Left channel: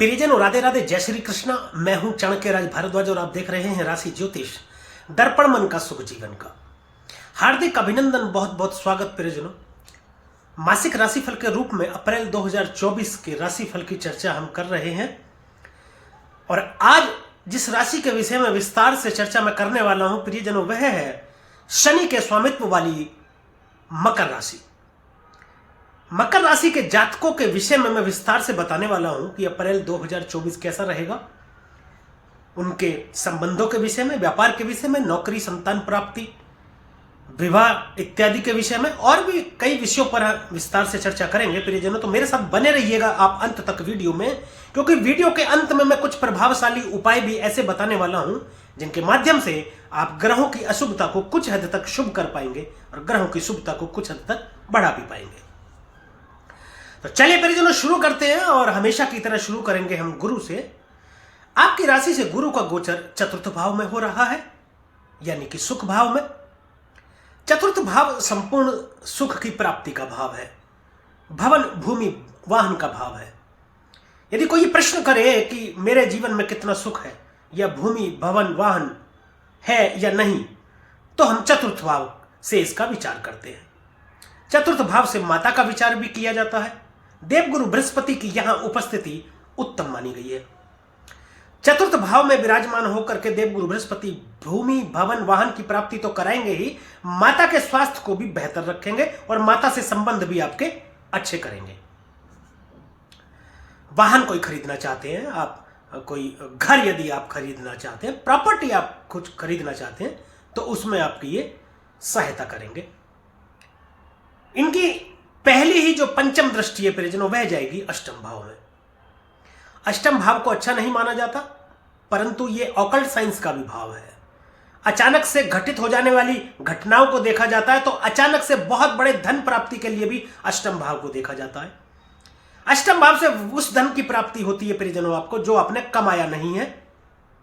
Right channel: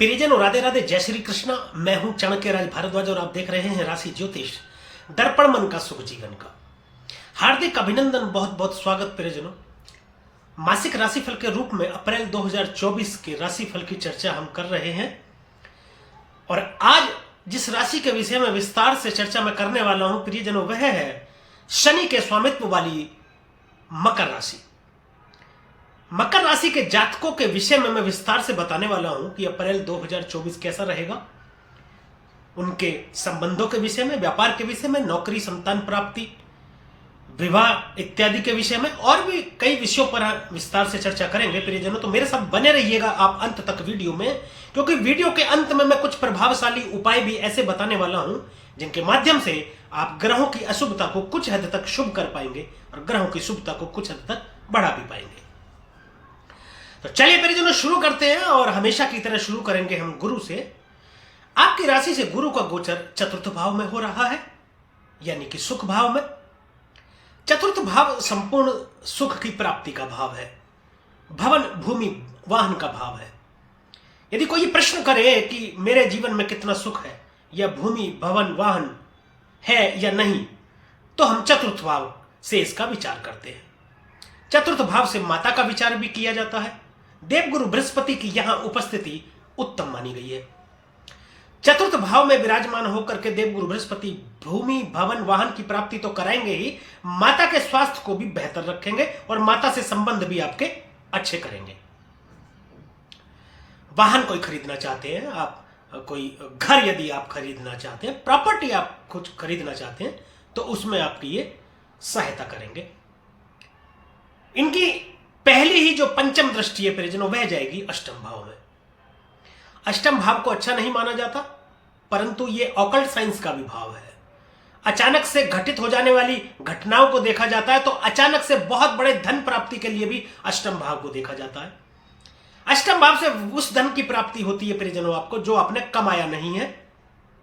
प्रियजनों, राधे राधे, जय श्री कृष्णा। मैं हूं चाणक्य राज भारद्वाज और आप देख रहे हैं राशि ज्योतिष दर्पण मन का सुख जीवन का। हार्दिक अभिनंदन, बहुत बहुत स्वागत प्रियजनों। मासिक राशिफल के रूप में अप्रैल 2024 के राशिफल की चर्चा हम कर रहे हैं और आज जिस राशि के विषय में विस्तार से चर्चा मैं करने वाला हूं प्रियजनों, वह है शनि के स्वामित्व वाली मकर राशि। मकर राशि के जातकों के विषय में मैं विस्तार से बताने वाला हूं कि अप्रैल 2024 कैसा रहेगा, उनके संबंधों के विषय में, व्यापार के विषय में, नौकरी, संतान प्राप्ति, विवाह इत्यादि के विषय में और भी कई विषयों पर विस्तार से चर्चा करेंगे प्रियजनों। तो मेरे साथ बने रहिएगा आप अंत तक वीडियो में, क्योंकि वीडियो के अंत में मैं कुछ प्रभावशाली उपाय भी ऐसे बताने वाला हूं जिनके माध्यम से आप ग्रहों की अशुभता को कुछ हद तक शुभ कर पाएंगे और ग्रहों की शुभता को कुछ हद तक बढ़ा भी पाएंगे। तो चलिए परिजनों शुरू करते हैं और हमेशा की तरह शुरू करेंगे हम गुरु से। आपकी राशि से गुरु का गोचर चतुर्थ भाव में हो रहा है, यानी कि सुख भाव में। चतुर्थ भाव संपूर्ण सुख की प्राप्ति का भाव है, भवन भूमि वाहन का भाव है। यदि कोई प्रश्न करे कि मेरे जीवन में कितना सुख है या भूमि भवन वाहन है या नहीं, तो हम चतुर्थ भाव से इसका विचार करते हैं। चतुर्थ भाव से माता का विचार भी किया जाता है। देवगुरु बृहस्पति की यहां उपस्थिति उत्तम मानी गई है। चतुर्थ भाव में विराजमान होकर के देवगुरु बृहस्पति भूमि भवन वाहन की प्राप्ति तो कराएंगे ही, माता के स्वास्थ्य को भी बेहतर रखेंगे और माता से संबंध भी आपके अच्छे करेंगे। वाहन कोई खरीदना चाहते हैं आप, कोई घर यदि आप खरीदना चाहते हैं, प्रॉपर्टी आप कुछ खरीदना चाहते हैं, तो उसमें आपकी ये सहायता करेंगे। इनकी पहली ही जो पंचम दृष्टि है परिजनों, वह जाएगी अष्टम भाव में। अष्टम भाव को अच्छा नहीं माना जाता, परंतु यह ऑकल्ट साइंस का भी भाव है। अचानक से घटित हो जाने वाली घटनाओं को देखा जाता है, तो अचानक से बहुत बड़े धन प्राप्ति के लिए भी अष्टम भाव को देखा जाता है। अष्टम भाव से उस धन की प्राप्ति होती है परिजनों आपको जो आपने कमाया नहीं है,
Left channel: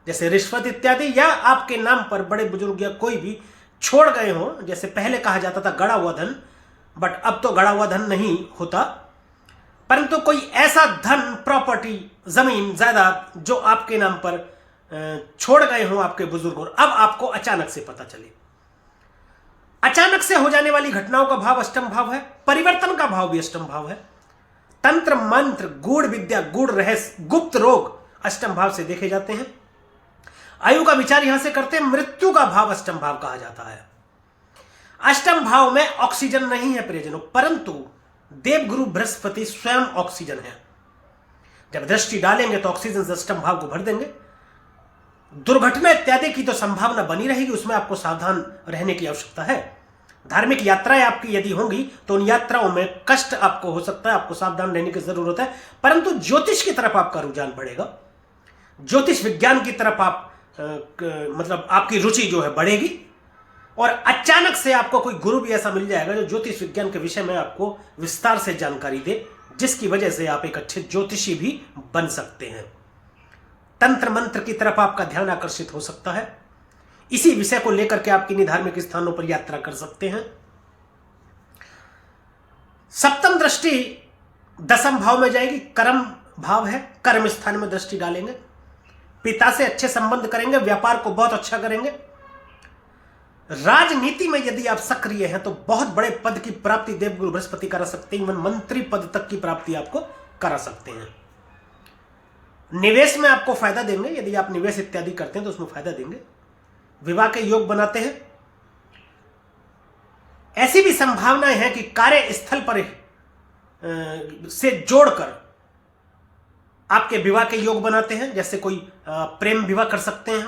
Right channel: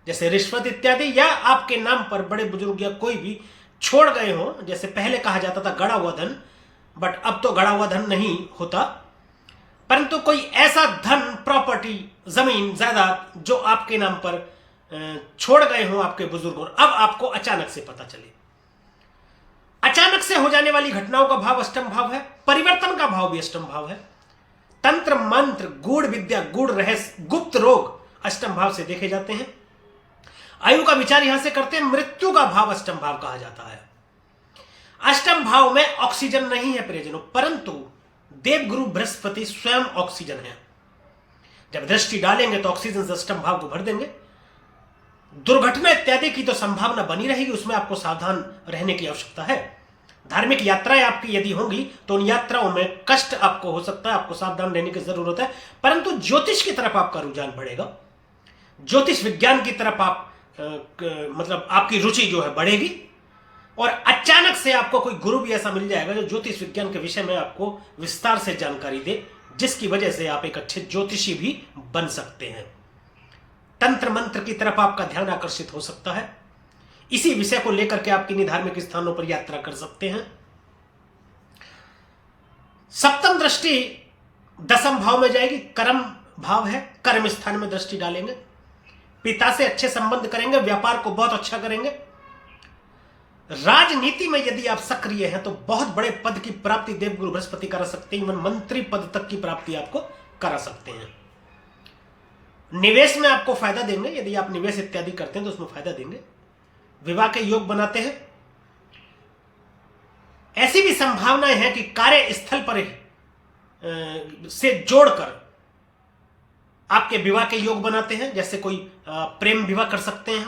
जैसे रिश्वत इत्यादि, या आपके नाम पर बड़े बुजुर्ग या कोई भी छोड़ गए हो। जैसे पहले कहा जाता था गड़ा हुआ धन, बट अब तो गड़ा हुआ धन नहीं होता, परंतु कोई ऐसा धन, प्रॉपर्टी, जमीन, जायदाद जो आपके नाम पर छोड़ गए हो आपके बुजुर्ग और अब आपको अचानक से पता चले। अचानक से हो जाने वाली घटनाओं का भाव अष्टम भाव है। परिवर्तन का भाव भी अष्टम भाव है। तंत्र मंत्र, गूढ़ विद्या, गूढ़ रहस्य, गुप्त रोग अष्टम भाव से देखे जाते हैं। आयु का विचार यहां से करते हैं। मृत्यु का भाव अष्टम भाव कहा जाता है। अष्टम भाव में ऑक्सीजन नहीं है प्रियजनों, परंतु देवगुरु बृहस्पति स्वयं ऑक्सीजन है। जब दृष्टि डालेंगे तो ऑक्सीजन से अष्टम भाव को भर देंगे। दुर्घटना इत्यादि की तो संभावना बनी रहेगी, उसमें आपको सावधान रहने की आवश्यकता है। धार्मिक यात्राएं आपकी यदि होंगी तो उन यात्राओं में कष्ट आपको हो सकता है, आपको सावधान रहने की जरूरत है। परंतु ज्योतिष की तरफ आपका रुझान बढ़ेगा, ज्योतिष विज्ञान की तरफ आप मतलब आपकी रुचि जो है बढ़ेगी और अचानक से आपको कोई गुरु भी ऐसा मिल जाएगा जो ज्योतिष विज्ञान के विषय में आपको विस्तार से जानकारी दे, जिसकी वजह से आप एक अच्छे ज्योतिषी भी बन सकते हैं। तंत्र मंत्र की तरफ आपका ध्यान आकर्षित हो सकता है। इसी विषय को लेकर के आप किन्हीं धार्मिक स्थानों पर यात्रा कर सकते हैं। सप्तम दृष्टि दसम भाव में जाएगी, कर्म भाव है। कर्म स्थान में दृष्टि डालेंगे, पिता से अच्छे संबंध करेंगे, व्यापार को बहुत अच्छा करेंगे। राजनीति में यदि आप सक्रिय हैं तो बहुत बड़े पद की प्राप्ति देवगुरु बृहस्पति करा सकते हैं, इवन मंत्री पद तक की प्राप्ति आपको करा सकते हैं। निवेश में आपको फायदा देंगे, यदि आप निवेश इत्यादि करते हैं तो उसमें फायदा देंगे। विवाह के योग बनाते हैं। ऐसी भी संभावनाएं हैं कि कार्यस्थल पर से जोड़कर आपके विवाह के योग बनाते हैं, जैसे कोई प्रेम विवाह कर सकते हैं।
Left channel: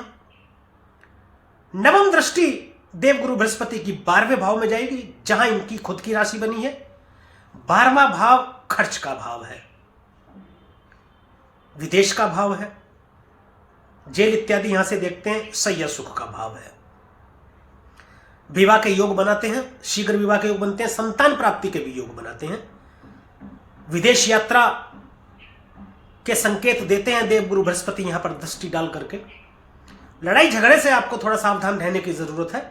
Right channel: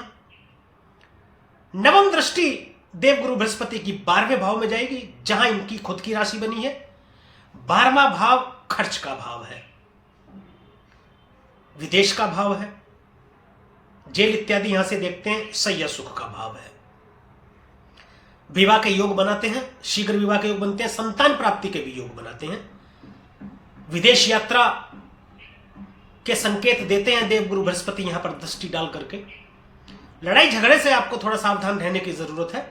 नवम दृष्टि देवगुरु बृहस्पति की 12वें भाव में जाएगी, जहां इनकी खुद की राशि बनी है। 12वां भाव खर्च का भाव है, विदेश का भाव है, जेल इत्यादि यहां से देखते हैं। सैया सुख का भाव है। विवाह के योग बनाते हैं, शीघ्र विवाह के योग बनते हैं। संतान प्राप्ति के भी योग बनाते हैं। विदेश यात्रा के संकेत देते हैं देवगुरु बृहस्पति यहां पर दृष्टि डाल करके। लड़ाई झगड़े से आपको थोड़ा सावधान रहने की जरूरत है,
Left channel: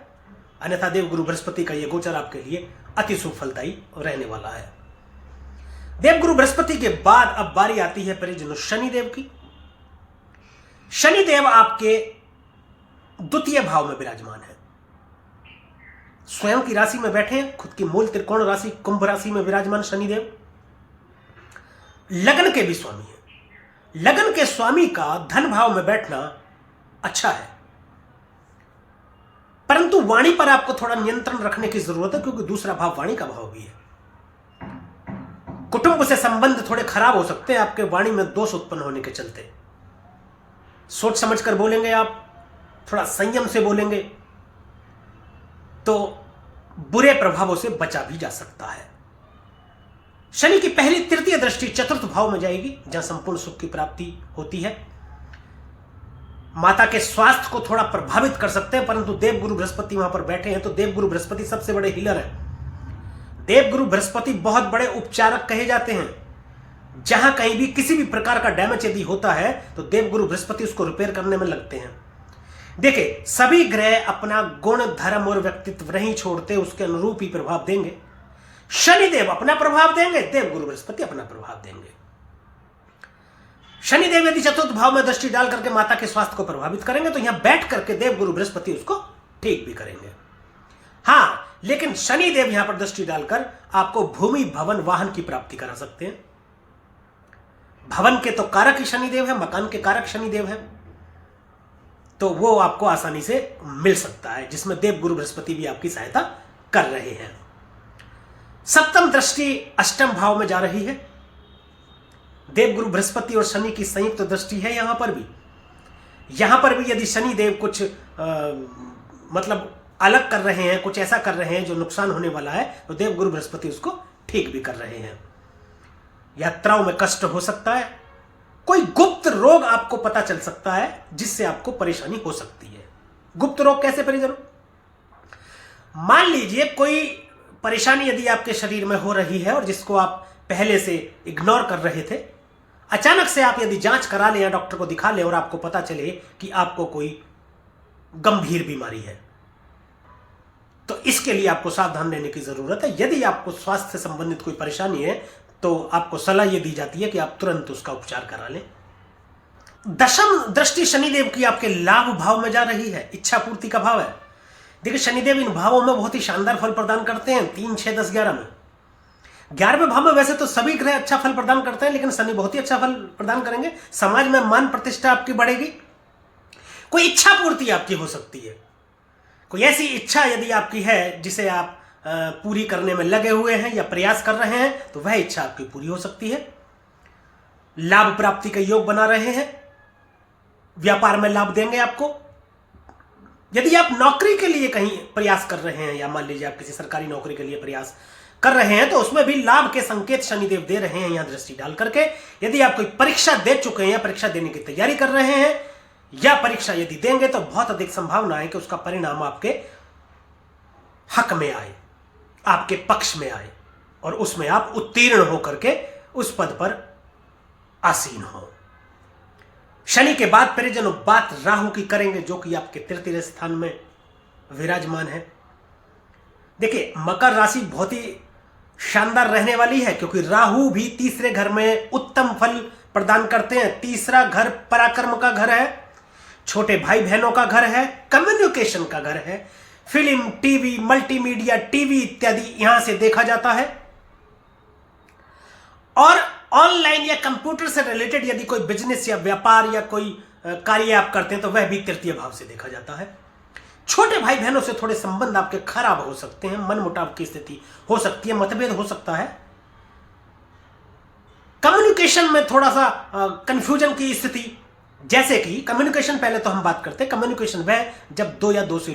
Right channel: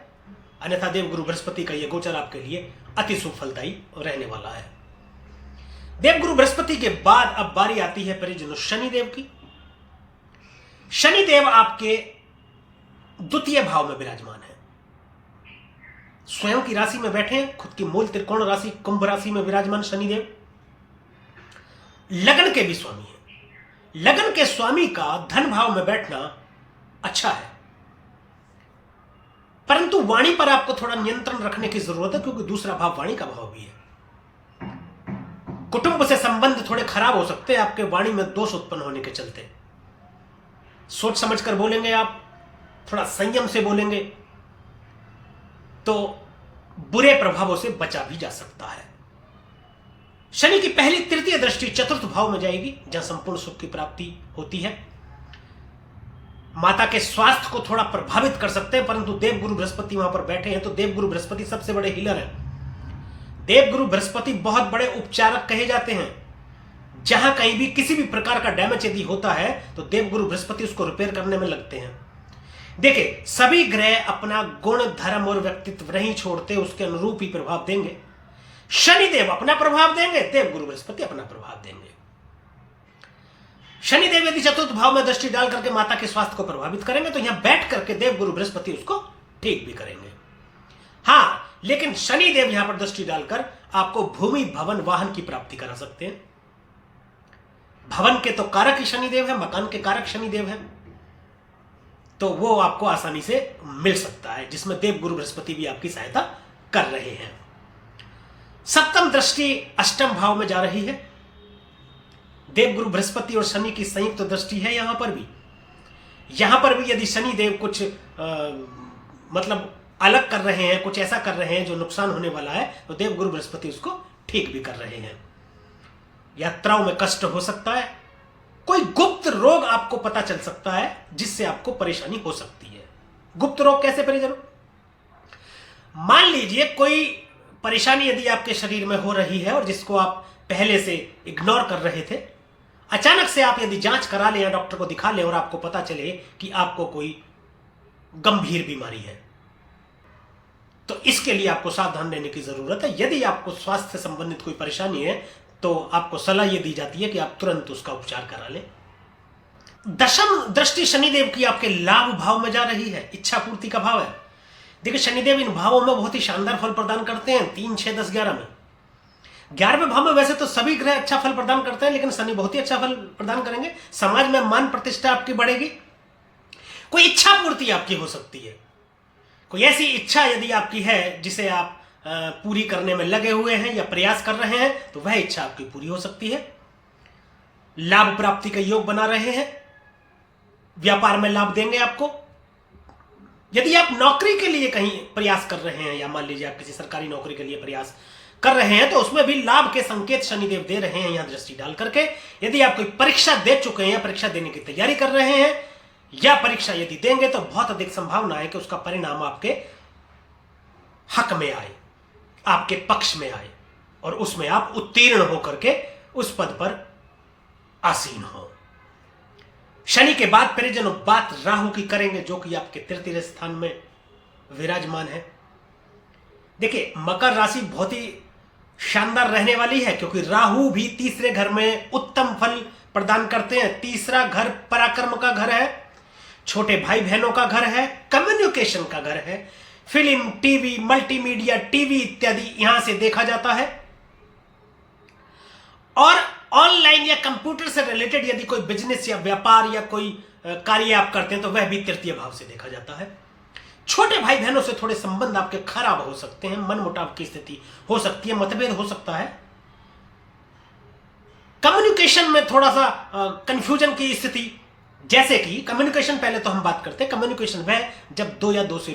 अन्यथा देवगुरु बृहस्पति का यह गोचर आपके लिए अति शुभ फलदायी रहने वाला है। देवगुरु बृहस्पति के बाद अब बारी आती है परिजनों शनिदेव की। शनिदेव आपके द्वितीय भाव में विराजमान है, स्वयं की राशि में बैठे, खुद की मूल त्रिकोण राशि कुंभ राशि में विराजमान शनिदेव लगन के भी स्वामी है। लगन के स्वामी का धन भाव में बैठना अच्छा है, परंतु वाणी पर आपको थोड़ा नियंत्रण रखने की जरूरत है, क्योंकि दूसरा भाव वाणी का भाव भी है। कुटुंब से संबंध थोड़े खराब हो सकते हैं आपके वाणी में दोष उत्पन्न होने के चलते। सोच समझकर बोलेंगे आप, थोड़ा संयम से बोलेंगे तो बुरे प्रभावों से बचा भी जा सकता है। शनि की पहली तृतीय दृष्टि चतुर्थ भाव में जाएगी, जहां संपूर्ण सुख की प्राप्ति होती है। माता के स्वास्थ्य को थोड़ा प्रभावित कर सकते हैं, परंतु देवगुरु बृहस्पति वहां पर बैठे हैं तो देवगुरु बृहस्पति सबसे बड़े हीलर हैं। देवगुरु बृहस्पति बहुत बड़े उपचारक कहे जाते हैं। जहां कहीं भी किसी भी प्रकार का डैमेज यदि होता है तो देवगुरु बृहस्पति उसको रिपेयर करने में लगते हैं। देखिए, सभी ग्रह अपना गुण धर्म और व्यक्तित्व नहीं छोड़ते, उसके अनुरूप ही प्रभाव देंगे। शनिदेव अपना प्रभाव देंगे, देवगुरु बृहस्पति अपना प्रभाव देंगे। शनिदेव यदि चतुर्थ भाव में दृष्टि डाल करके माता के स्वास्थ्य को प्रभावित करेंगे तो यहां बैठ करके देवगुरु बृहस्पति उसको ठीक भी करेंगे। हां, लेकिन शनिदेव यहां पर दृष्टि डालकर आपको भूमि भवन वाहन की प्राप्ति करा सकते हैं। भवन के तो कारक ही शनिदेव है, मकान के कारक शनिदेव है, तो वो आपको आसानी से मिल सकता है, जिसमें देवगुरु बृहस्पति भी आपकी सहायता कर रहे हैं। सप्तम दृष्टि अष्टम भाव में जा रही है। देवगुरु बृहस्पति और शनि की संयुक्त दृष्टि है। यहां पर भी यदि शनिदेव कुछ मतलब अलग कर रहे हैं, कुछ ऐसा कर रहे हैं जो नुकसान होने वाला है, तो देवगुरु बृहस्पति उसको ठीक भी कर रहे हैं। यात्राओं में कष्ट हो सकता है, कोई गुप्त रोग आपको पता चल सकता है जिससे आपको परेशानी हो सकती है। गुप्त रोग कैसे परिजनों? मान लीजिए कोई परेशानी यदि आपके शरीर में हो रही है और जिसको आप पहले से इग्नोर कर रहे थे, अचानक से आप यदि जांच करा लें या डॉक्टर को दिखा लें और आपको पता चले कि आपको कोई गंभीर बीमारी है, तो इसके लिए आपको सावधान रहने की जरूरत है। यदि आपको स्वास्थ्य से संबंधित कोई परेशानी है तो आपको सलाह यह दी जाती है कि आप तुरंत उसका उपचार करा लें। दशम दृष्टि शनिदेव की आपके लाभ भाव में जा रही है, इच्छा पूर्ति का भाव है। देखिए, शनिदेव इन भावों में बहुत ही शानदार फल प्रदान करते हैं, 3, 6, 10, 11 में। 11वें भाव में वैसे तो सभी ग्रह अच्छा फल प्रदान करते हैं, लेकिन शनि बहुत ही अच्छा फल प्रदान करेंगे। समाज में मान प्रतिष्ठा आपकी बढ़ेगी, कोई इच्छा पूर्ति आपकी हो सकती है। कोई ऐसी इच्छा यदि आपकी है जिसे आप पूरी करने में लगे हुए हैं या प्रयास कर रहे हैं, तो वह इच्छा आपकी पूरी हो सकती है। लाभ प्राप्ति का योग बना रहे हैं, व्यापार में लाभ देंगे आपको। यदि आप नौकरी के लिए कहीं प्रयास कर रहे हैं या मान लीजिए आप किसी सरकारी नौकरी के लिए प्रयास कर रहे हैं, तो उसमें भी लाभ के संकेत शनिदेव दे रहे हैं यहां दृष्टि डाल करके। यदि आप कोई परीक्षा दे चुके हैं या परीक्षा देने की तैयारी कर रहे हैं या परीक्षा यदि देंगे, तो बहुत अधिक संभावना है कि उसका परिणाम आपके हक में आए, आपके पक्ष में आए और उसमें आप उत्तीर्ण होकर के उस पद पर आसीन हो। शनि के बाद परिजनों बात राहु की करेंगे, जो कि आपके तृतीय स्थान में विराजमान है। देखिए, मकर राशि बहुत ही शानदार रहने वाली है, क्योंकि राहु भी तीसरे घर में उत्तम फल प्रदान करते हैं। तीसरा घर पराक्रम का घर है, छोटे भाई बहनों का घर है, कम्युनिकेशन का घर है। फिल्म, टीवी, मल्टीमीडिया, टीवी इत्यादि यहां से देखा जाता है। और ऑनलाइन या कंप्यूटर से रिलेटेड यदि कोई बिजनेस या व्यापार या कोई कार्य आप करते हैं, तो वह भी तृतीय भाव से देखा जाता है। छोटे भाई बहनों से थोड़े संबंध आपके खराब हो सकते हैं, मनमुटाव की स्थिति हो सकती है, मतभेद हो सकता है। कम्युनिकेशन में थोड़ा सा कंफ्यूजन की स्थिति, जैसे कि कम्युनिकेशन, पहले तो हम बात करते हैं कम्युनिकेशन वह जब 2 या 2 से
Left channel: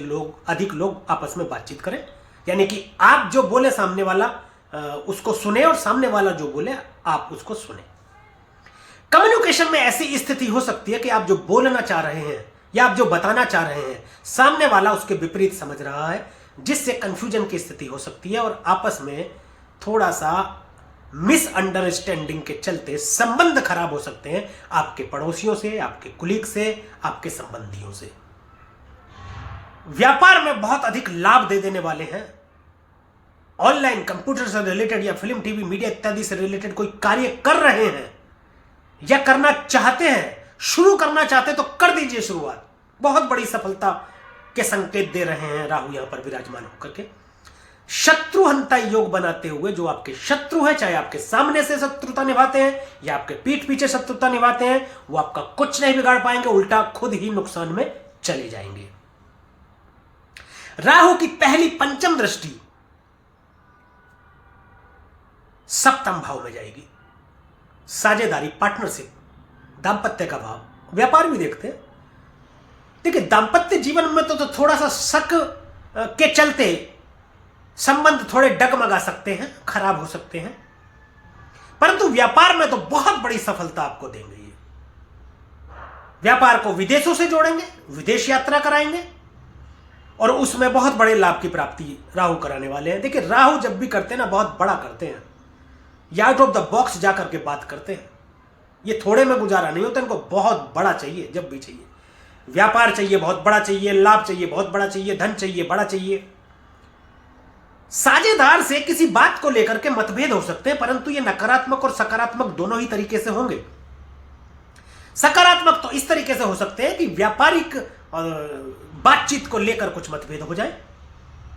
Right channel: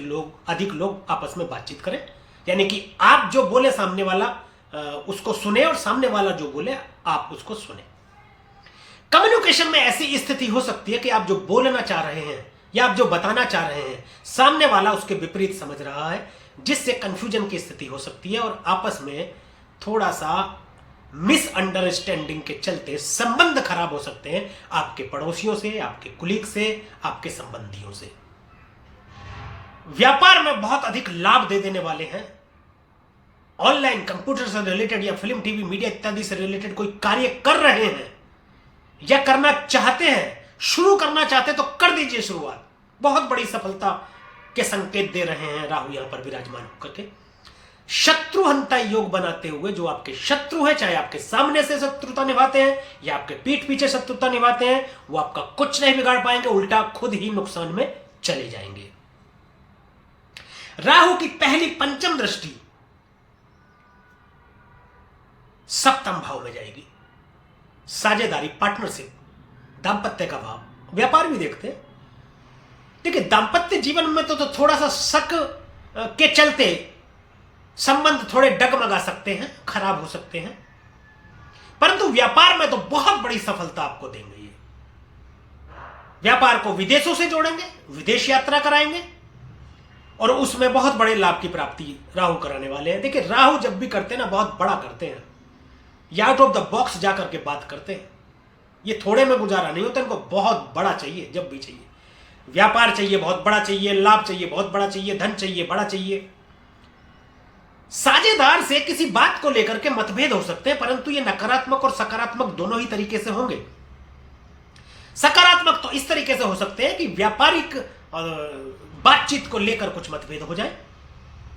अधिक लोग आपस में बातचीत करें, यानी कि आप जो बोले सामने वाला उसको सुने और सामने वाला जो बोले आप उसको सुने। कम्युनिकेशन में ऐसी स्थिति हो सकती है कि आप जो बोलना चाह रहे हैं या आप जो बताना चाह रहे हैं, सामने वाला उसके विपरीत समझ रहा है, जिससे कंफ्यूजन की स्थिति हो सकती है और आपस में थोड़ा सा मिसअंडरस्टैंडिंग के चलते संबंध खराब हो सकते हैं, आपके पड़ोसियों से, आपके कुलीग से, आपके संबंधियों से। व्यापार में बहुत अधिक लाभ दे देने वाले हैं। ऑनलाइन कंप्यूटर से रिलेटेड या फिल्म टीवी मीडिया इत्यादि से रिलेटेड कोई कार्य कर रहे हैं या करना चाहते हैं, शुरू करना चाहते हैं, तो कर दीजिए शुरुआत। बहुत बड़ी सफलता के संकेत दे रहे हैं राहु यहां पर विराजमान होकर के। शत्रुहंता योग बनाते हुए जो आपके शत्रु हैं, चाहे आपके सामने से शत्रुता निभाते हैं या आपके पीठ पीछे शत्रुता निभाते हैं, वो आपका कुछ नहीं बिगाड़ पाएंगे, उल्टा खुद ही नुकसान में चले जाएंगे। राहु की पहली पंचम दृष्टि सप्तम भाव में जाएगी। साझेदारी, पार्टनरशिप, दांपत्य का भाव, व्यापार भी देखते हैं। देखिए, दांपत्य जीवन में तो थोड़ा सा शक के चलते संबंध थोड़े डगमगा सकते हैं, खराब हो सकते हैं, परंतु व्यापार में तो बहुत बड़ी सफलता आपको देंगे ये। व्यापार को विदेशों से जोड़ेंगे, विदेश यात्रा कराएंगे और उसमें बहुत बड़े लाभ की प्राप्ति राहु कराने वाले हैं। देखिए, राहु जब भी करते हैं ना, बहुत बड़ा करते हैं, या आउट ऑफ द बॉक्स जाकर के बात करते हैं। ये थोड़े में गुजारा नहीं होता, इनको बहुत बड़ा चाहिए। जब भी चाहिए, व्यापार चाहिए बहुत बड़ा चाहिए, लाभ चाहिए बहुत बड़ा चाहिए, धन चाहिए बड़ा चाहिए। साझेदार से किसी बात को लेकर के मतभेद हो सकते हैं, परंतु ये नकारात्मक और सकारात्मक दोनों ही तरीके से होंगे। सकारात्मक तो इस तरीके से हो सकते हैं कि व्यापारिक बातचीत को लेकर कुछ मतभेद हो जाए,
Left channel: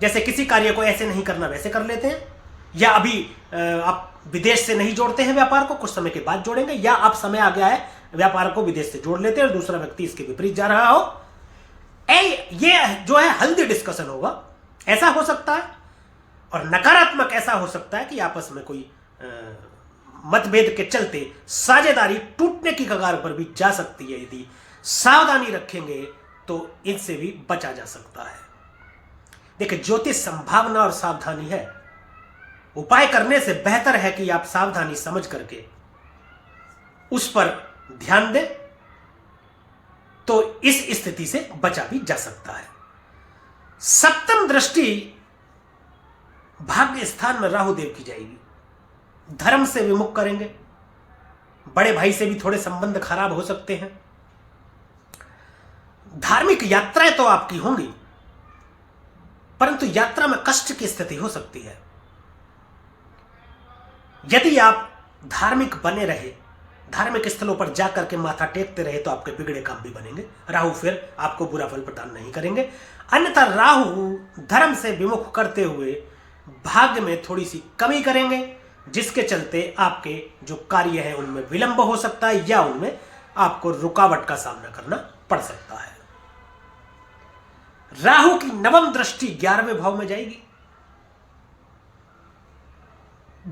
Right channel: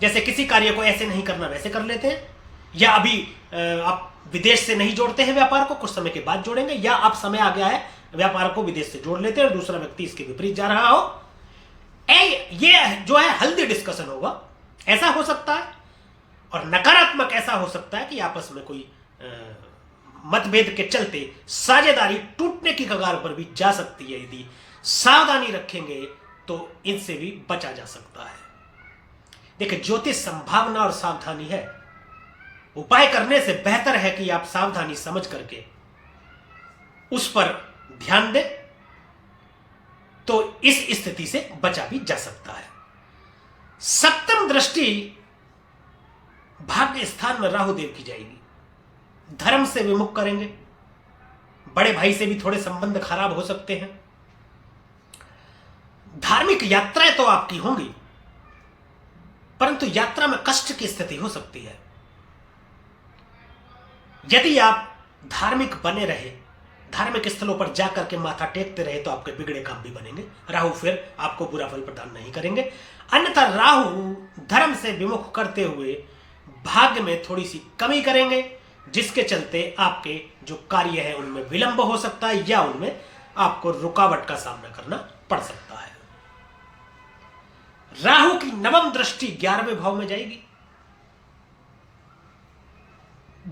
जैसे किसी कार्य को ऐसे नहीं करना वैसे कर लेते हैं, या अभी आप विदेश से नहीं जोड़ते हैं व्यापार को, कुछ समय के बाद जोड़ेंगे, या अब समय आ गया है व्यापार को विदेश से जोड़ लेते हैं और दूसरा व्यक्ति इसके विपरीत जा रहा हो। ये जो है हेल्दी डिस्कशन होगा, ऐसा हो सकता है। और नकारात्मक ऐसा हो सकता है कि आपस में कोई मतभेद के चलते साझेदारी टूटने की कगार पर भी जा सकती है। यदि सावधानी रखेंगे तो इनसे भी बचा जा सकता है। देखिए, ज्योतिष संभावना और सावधानी है। उपाय करने से बेहतर है कि आप सावधानी समझ करके उस पर ध्यान दें, तो इस स्थिति से बचा भी जा सकता है। सप्तम दृष्टि भाग्य स्थान में राहु देव की जाएगी। धर्म से विमुख करेंगे, बड़े भाई से भी थोड़े संबंध खराब हो सकते हैं। धार्मिक यात्राएं तो आपकी होंगी, परंतु यात्रा में कष्ट की स्थिति हो सकती है। यदि आप धार्मिक बने रहे, धार्मिक स्थलों पर जाकर के माथा टेकते रहे, तो आपके बिगड़े काम भी बनेंगे। राहु फिर आपको बुरा फल प्रदान नहीं करेंगे। अन्यथा राहु धर्म से विमुख करते हुए भाग्य में थोड़ी सी कमी करेंगे, जिसके चलते आपके जो कार्य है उनमें विलंब हो सकता है या उनमें आपको रुकावट का सामना करना पड़ सकता है। राहु की नवम दृष्टि 11वें भाव में जाएगी।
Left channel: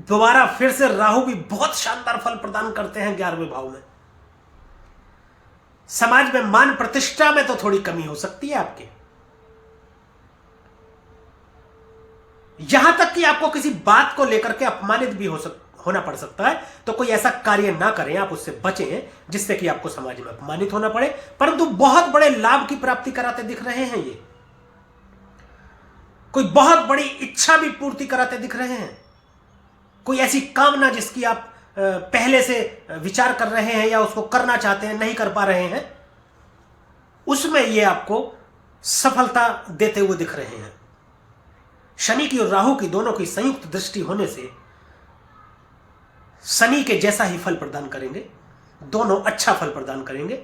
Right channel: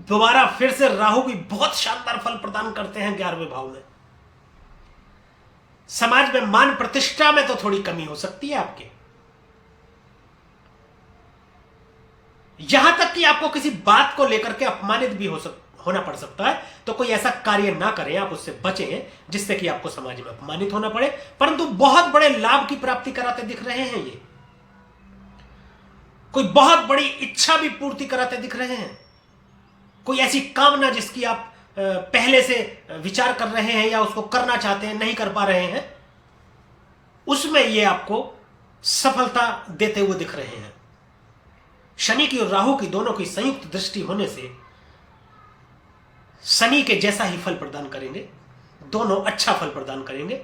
दोबारा फिर से राहु भी बहुत शानदार फल प्रदान करते हैं 11वें भाव में। समाज में मान प्रतिष्ठा में तो थोड़ी कमी हो सकती है आपके, यहां तक कि आपको किसी बात को लेकर के अपमानित भी होना पड़ सकता है। तो कोई ऐसा कार्य ना करें, आप उससे बचें जिससे कि आपको समाज में अपमानित होना पड़े। परंतु बहुत बड़े लाभ की प्राप्ति कराते दिख रहे हैं ये, कोई बहुत बड़ी इच्छा भी पूर्ति कराते दिख रहे हैं। कोई ऐसी कामना जिसकी आप पहले से विचार कर रहे हैं या उसको करना चाहते हैं, नहीं कर पा रहे हैं, उसमें ये आपको सफलता देते हुए दिख रहे हैं। शनि की और राहु की दोनों की संयुक्त दृष्टि होने से शनि के जैसा ही फल प्रदान करेंगे, दोनों अच्छा फल प्रदान करेंगे।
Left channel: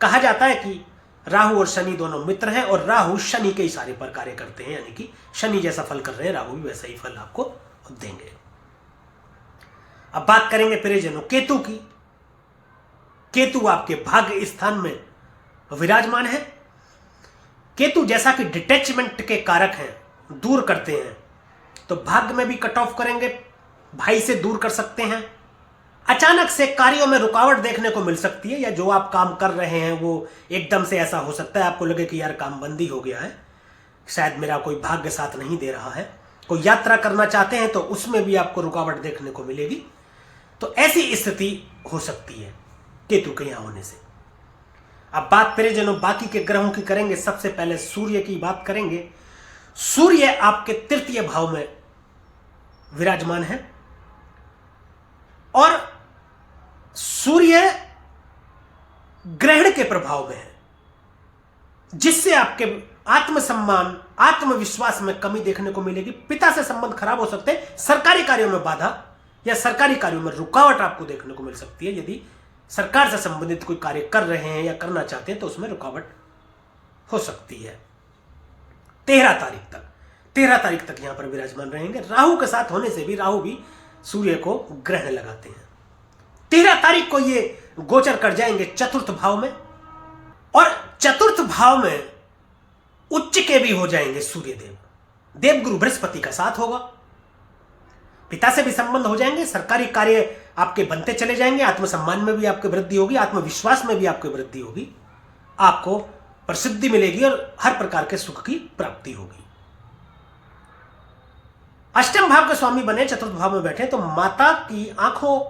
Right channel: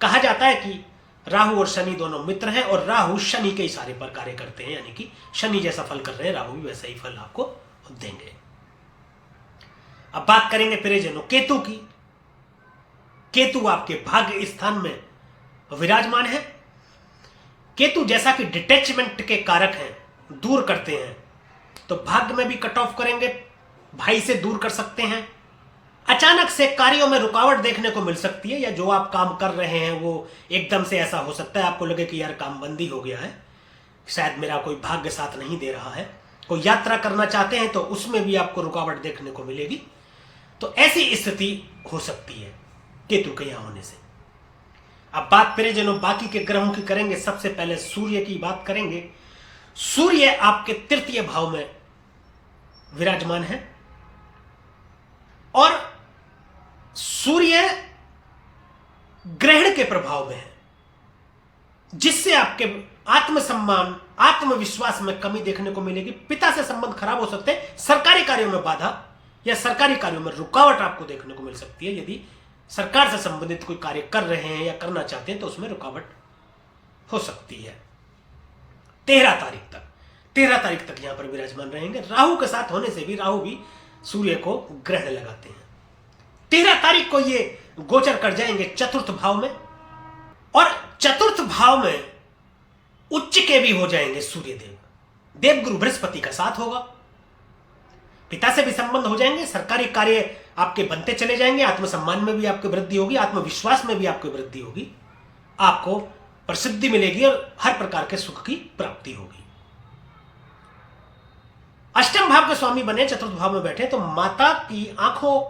कहा जाता है कि राहु और शनि दोनों मित्र हैं और राहु शनि के इशारे पर कार्य करते हैं, यानी कि शनि जैसा फल कर रहे हैं, राहु भी वैसा ही फल आपको देंगे। अब बात करेंगे प्रियजनों केतु की। केतु आपके भाग्य स्थान में विराजमान है। केतु जैसा कि डिटैचमेंट के कारक हैं, दूर करते हैं, तो भाग्य में भी कट ऑफ करेंगे, भाई से दूर कर सकते हैं। अचानक से कार्यों में रुकावट देखने को मिल सकती है, या जो आप काम कर रहे हैं वो एकदम से ऐसा हो सकता है आपको लगे कि यार काम बंदी हो गया है, शायद मेरा कोई भाग्य साथ नहीं दे रहा है। कोई यात्रा करना चाहते हैं तो उसमें भी आपको रुकावट देखने को मिलेगी। तो ऐसी स्थिति हो सकती है केतु के यहां होने से। अब बात प्रियजनों बाकी के ग्रहों की करेंगे। सबसे पहले सूर्य की बात करेंगे। सूर्य आपके तृतीय भाव में विराजमान है और सूर्य ग्रहण के प्रभाव में है, जिससे आपके आत्मसम्मान, आत्मविश्वास में कमी देखने को मिलेगी। पिता से संबंध खराब हो सकते हैं। सरकारी कार्यों में बाधा या सरकारी कार्यों में रुकावट आपको देखने को मिल सकती है। यदि सरकार से संबंधित कोई कार्य कर रहे हैं या करना चाहते हैं तो उसमें रुकावट हो सकती है। 13 तारीख तक यहां पर विराजमान रहेंगे। राहु के साथ होने से भी, राहु भी सूर्य को ग्रहण लगाते हैं। 13 तारीख को ये गोचर कर जाएंगे चतुर्थ भाव में, और चतुर्थ भाव में उच्च के भी हो जाएंगे सूर्यदेव। देवगुरु बृहस्पति का साथ होगा। पिता से भी संबंध हो जाएंगे। सरकारी कार्य आपके बनते चले जाएंगे। आत्मसम्मान में भी आपकी वृद्धि होगी, आत्मविश्वास में भी आपकी वृद्धि होगी। आपको प्रसिद्धि मिलेगी और हर प्रकार के सुख की प्राप्ति होगी। अष्टम भाव के स्वामी बने, चतुर्थ भाव में बैठे तो माता की आंखों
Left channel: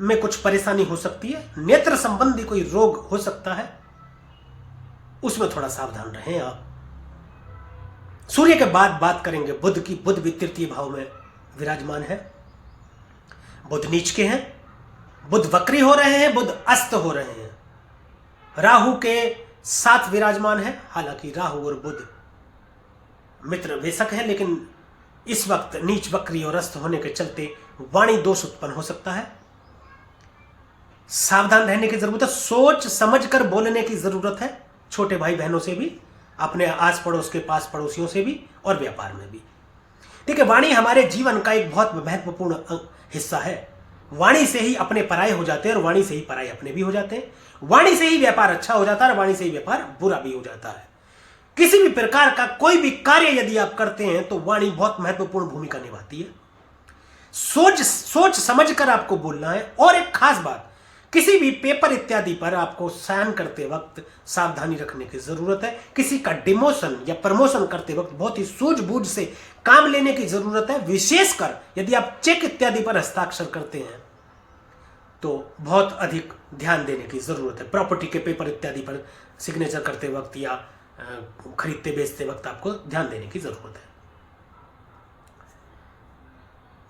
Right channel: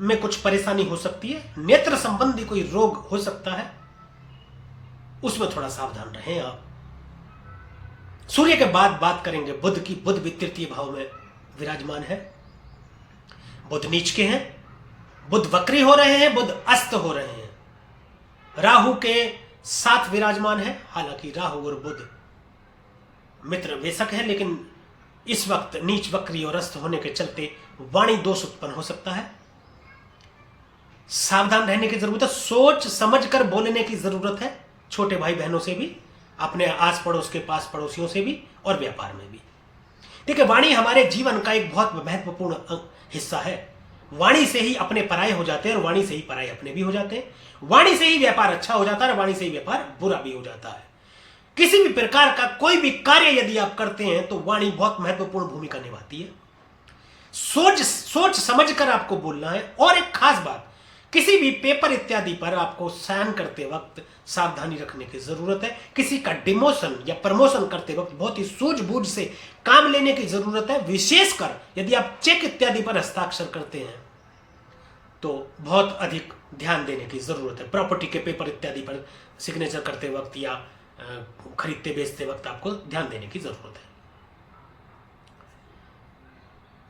में कुछ परेशानी हो सकती है। नेत्र संबंधी कोई रोग हो सकता है, उसमें थोड़ा सावधान रहें आप। सूर्य के बाद बात करेंगे बुध की। बुध भी तृतीय भाव में विराजमान है। बुध नीच के हैं, बुध वक्री हो रहे हैं, बुध अस्त हो रहे हैं। राहु के साथ विराजमान है। हालांकि राहु और बुध मित्र बेशक है, लेकिन इस वक्त नीच, वक्री और अस्त होने के चलते वाणी दोष उत्पन्न हो सकता है। सावधान रहने की जरूरत है। सोच समझ कर बोलने की जरूरत है। छोटे भाई बहनों से भी, अपने आस पड़ोस के पास पड़ोसियों से भी, और व्यापार में भी। देखिए, वाणी हमारे जीवन का एक बहुत महत्वपूर्ण हिस्सा है। वाणी से ही अपने पराये हो जाते हैं और वाणी से ही पराये अपने भी हो जाते हैं। वाणी से ही व्यापार अच्छा हो जाता है और वाणी से ही व्यापार बुरा भी हो जाता है। किसी भी प्रकार का कोई भी कार्य यदि आप करते हैं तो वाणी बहुत महत्वपूर्ण भूमिका निभाती है। सोच समझ कर आपको बोलना है। और एक खास बात, किसी भी पेपर इत्यादि पर आपको साइन करते वक्त सावधानी रखने की जरूरत है। किसी का डिमोशन या प्रमोशन करते वक्त बहुत ही सूझबूझ से काम लेने की जरूरत है। विशेषकर यदि आप चेक इत्यादि पर हस्ताक्षर करते हैं तो बहुत अधिक ध्यान देने की जरूरत है। प्रॉपर्टी के पेपर इत्यादि पर सिग्नेचर करते वक्त या खरीदते बेचते वक्त आपको ध्यान देने की जरूरत है।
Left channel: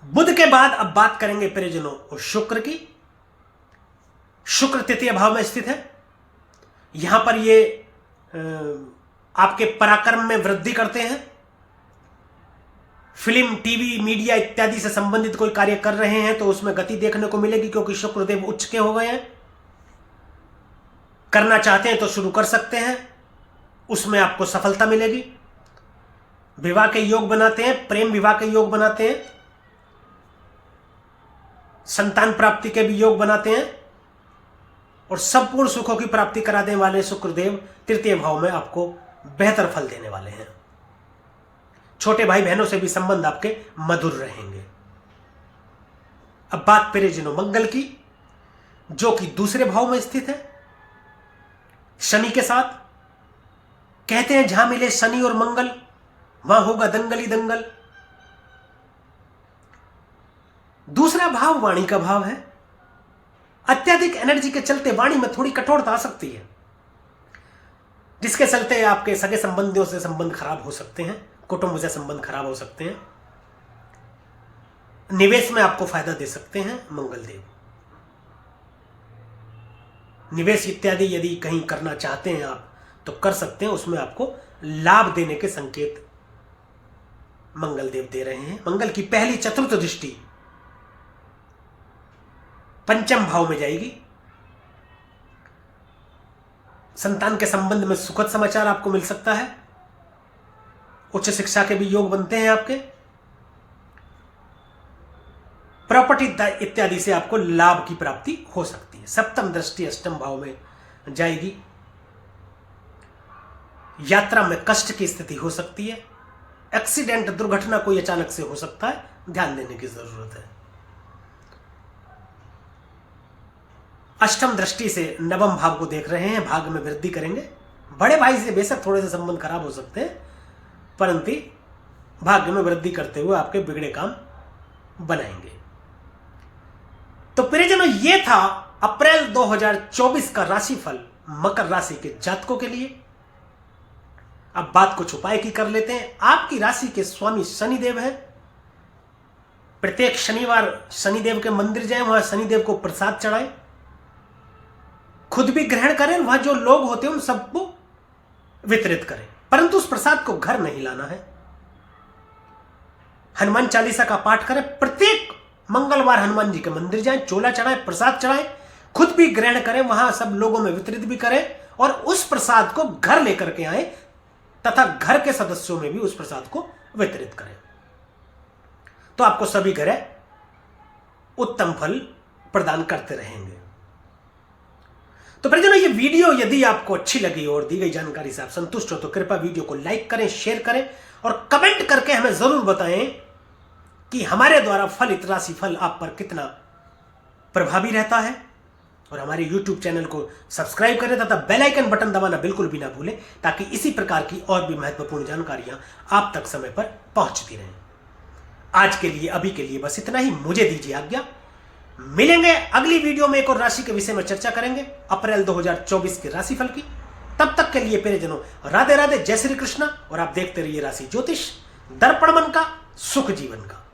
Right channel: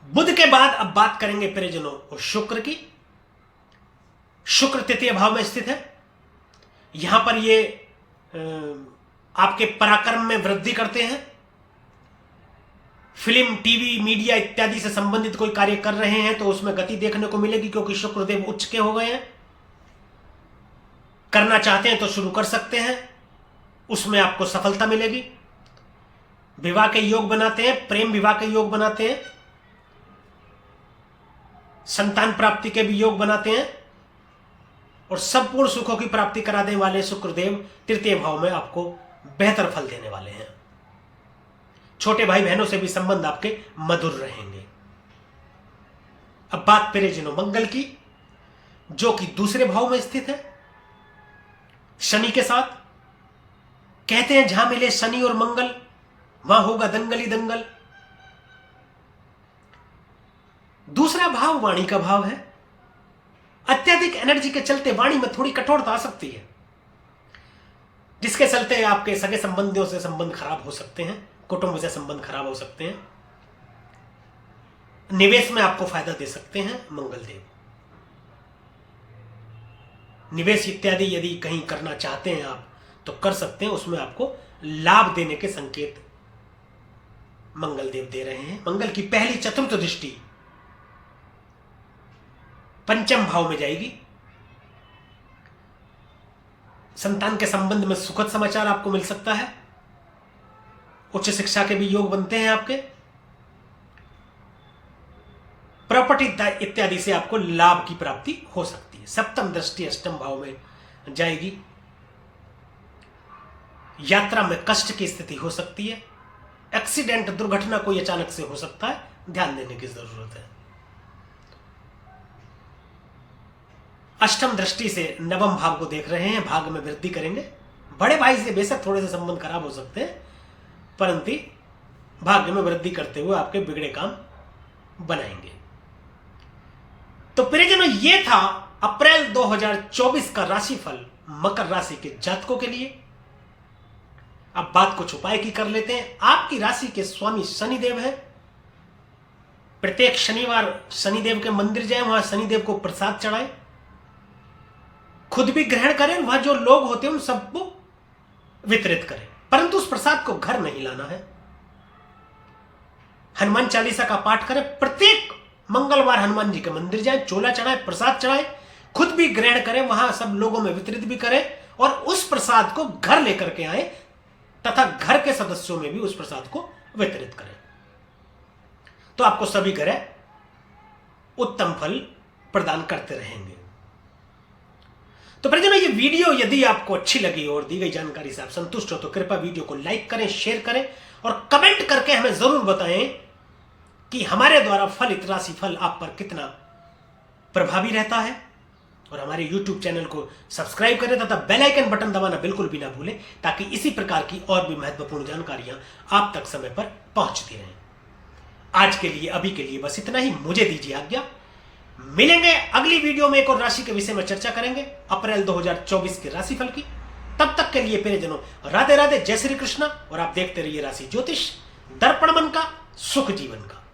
बुध के बाद अब बात करेंगे प्रियजनों शुक्र की। शुक्र तृतीय भाव में स्थित है। यहां पर ये आपके पराक्रम में वृद्धि करते हैं। फिल्म, टीवी, मीडिया इत्यादि से संबंधित कोई कार्य कर रहे हैं तो उसमें गति देखने को मिलेगी, क्योंकि शुक्रदेव उच्च के हो गए हैं। करना चाहते हैं तो शुरू कर सकते हैं, उसमें आपको सफलता मिलेगी। विवाह के योग बनाते हैं, प्रेम विवाह के योग बनाते हैं, संतान प्राप्ति के भी योग बनाते हैं, और संपूर्ण सुखों की प्राप्ति कराने वाले शुक्रदेव तृतीय भाव में आपको बेहतर फल देने वाले हैं। छोटे भाई बहनों से भी संबंध आपके मधुर रहेंगे। अब बात प्रियजनों मंगल की, जो कि दूसरे भाव में स्थित है शनि के साथ। कहते हैं जहां मिले शनि और मंगल वहां होगा दंगल ही दंगल। दूसरा भाव वाणी का भाव है। अत्यधिक एनर्जी के चलते वाणी में थोड़ी कठोरता आ सकती है, जिसके चलते आपके सगे संबंधियों से संबंध खराब हो सकते हैं, कुटुंब से संबंध खराब हो सकते हैं। निवेश में आपको फायदा दे सकते हैं मंगल देव। निवेश इत्यादि यदि कहीं करना चाहते हैं आप तो कर सकते हैं, उसमें आपको लाभ देने के संकेत मंगल देव दे रहे हैं। मंगल की पहली चतुर्थ दृष्टि पंचम भाव में जाएगी। संतान के संबंध में सुखद समाचार आपको मिल सकता है। उच्च शिक्षा के भी योग बनते हैं आपके। प्रॉपर्टी इत्यादि से आपको लाभ की प्राप्ति हो सकती है। सप्तम दृष्टि अष्टम भाव में जाएगी। यात्रा में कष्ट की स्थिति हो सकती है। एक्सीडेंट, दुर्घटना कोई अचानक से हो सकता है, ध्यान देने की जरूरत है। अष्टम दृष्टि से नवम भाव को देख रहे हैं, भाग में वृद्धि करेंगे। बड़े भाई से बेशक थोड़े से संबंध खराब हो सकते हैं, परंतु भाग्य में वृद्धि करते हुए आपके बिगड़े काम बनाएंगे। तो प्रियजनों, ये था अप्रैल 2024 का राशिफल मकर राशि के जातकों के लिए। अब बात कुछ उपाय की कर लेते हैं। आपकी राशि के स्वामी शनिदेव हैं। प्रत्येक शनिवार शनिदेव के मंदिर जाएं, वहां शनिदेव को प्रसाद चढ़ाएं, खुद भी ग्रहण करें, वहां जो लोग होते हैं उन सबको वितरित करें। परंतु उस प्रसाद को घर नहीं लाना है। हनुमान चालीसा का पाठ करें, प्रत्येक मंगलवार हनुमान जी के मंदिर जाएं, चोला चढ़ाएं, प्रसाद चढ़ाएं, खुद भी ग्रहण करें, वहां सब लोगों में वितरित भी करें और उस प्रसाद को घर लेकर के आए तथा घर के सदस्यों में भी उस प्रसाद को वितरित करें, तो आपको सभी ग्रह उत्तम फल प्रदान करते रहेंगे। तो परिजनों, ये वीडियो यदि आपको अच्छी लगी और दी गई जानकारी से आप संतुष्ट हो तो कृपया वीडियो को लाइक करें, शेयर करें और कमेंट करके हमें जरूर बताएं कि हमारे द्वारा फलित राशिफल आप पर कितना प्रभावी रहता है। और हमारे YouTube चैनल को सब्सक्राइब करें तथा बेल आइकन बटन दबाना बिल्कुल भी ना भूलें, ताकि इसी प्रकार की और भी महत्वपूर्ण जानकारियां आप तक समय पर पहुंचती रहें। आज के लिए, अभी के लिए बस इतना ही। मुझे दीजिए आज्ञा। मिलेंगे अगली वीडियो में, एक और राशि के विषय में चर्चा करेंगे, अप्रैल 2024 के राशिफल की। तब तक के लिए प्रियजनों, राधे राधे, जय श्री कृष्णा। और आप देखते रहिए राशि ज्योतिष, दर्पण मन का, सुख जीवन का।